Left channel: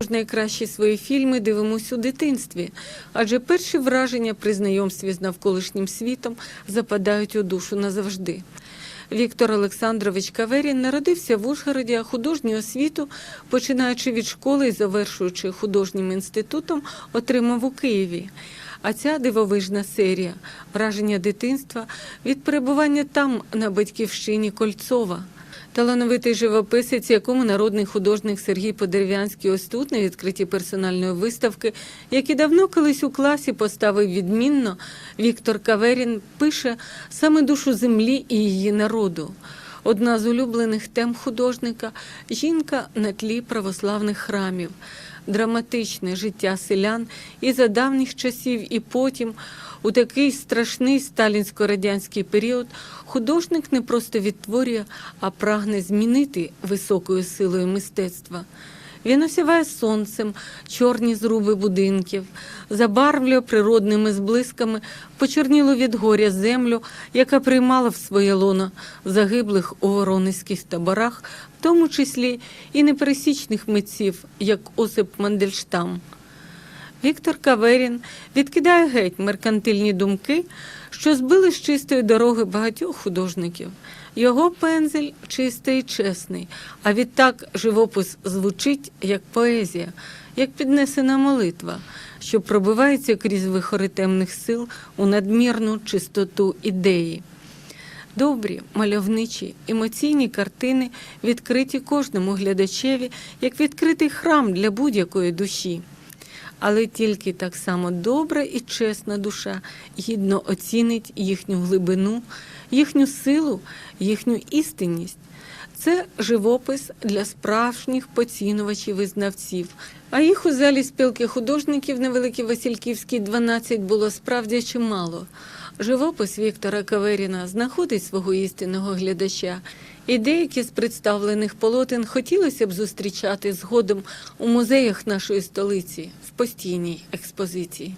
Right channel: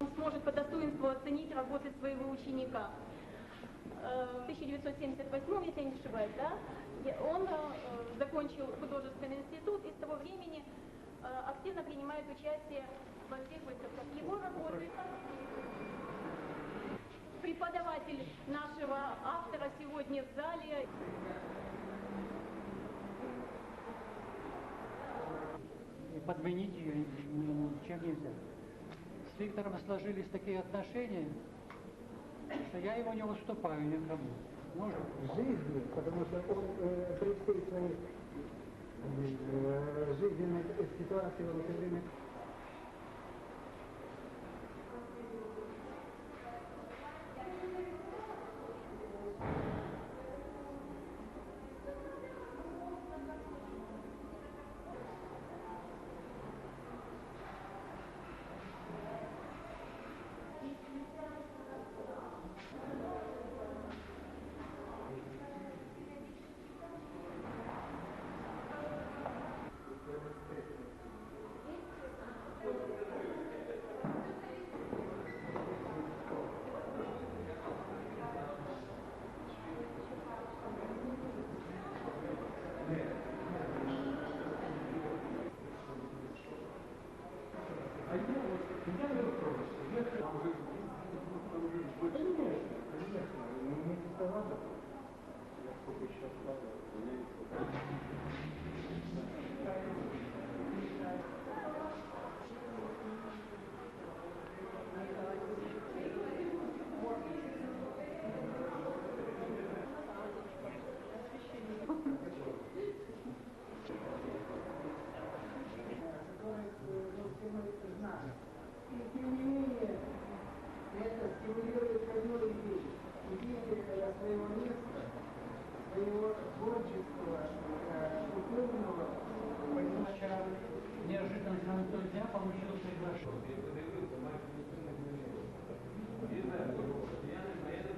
ж найкращі свої фільми дивимося у дитинстві, адже перші враження при знайомстві з навколишнім світом западають у душу назавжди. Віктор Олександрович Каверін народився в Ужгороді, а художню освіту, починаючи від школи і завершуючи художнім інститутом, отримав у Києві. А ця дивовижна серія враження дитинства від перебування там на батьківщині Кольцова. Талановитий живописець, якому народний художник Сергій Подерев'янський ось тут на відкритті персональної виставки, які давно колись у класі поставив відмінно, Віктор Каверін пише саме душу землі і її народу. Одна з улюблених тем художника жінка на тлі православних храмів. Драматичне життя селян і за давніх часів, і потім, у такий страшний сталінсько-радянський період, художник не просто відтворює, а прагне змінити високою силою мистецтва. Він осіває сонцем чорні зруби будинків, забарвлює природними зблисками почорніло від горя землю, яка приймала в своє лоно загиблих у воронезьких таборах, в тому числі і непересічних митців, як Осип Мандельштам. Віктор Каверін відкидає геть меркантильні думки, що збили з чистої дороги багатьох художників. Його пензель чистий і чесний, а відтак живопис звучить як поезія, як піднесена молитва, що пробивається крізь вихори темних сил у надмірну чистоту ідеї. Добрі, мальовничі, емоційні картини відкриті кожному глядачеві, як відкритий храм для будь-якої душі. Але тільки так само добра і чесна душа гідно оцінить їхню глибину, їхню силу, їхню істинність. Це живопис для справжніх поцінувачів і знавців. А їх у залі спілки художників на Великій Васильківській 12 було справді чимало. Живопис Віктора Каверіна знаходить свого істинного глядача, і деякі з представлених полотен хотілося б зустрічати згодом у музеях нашої столиці в постійній експозиції.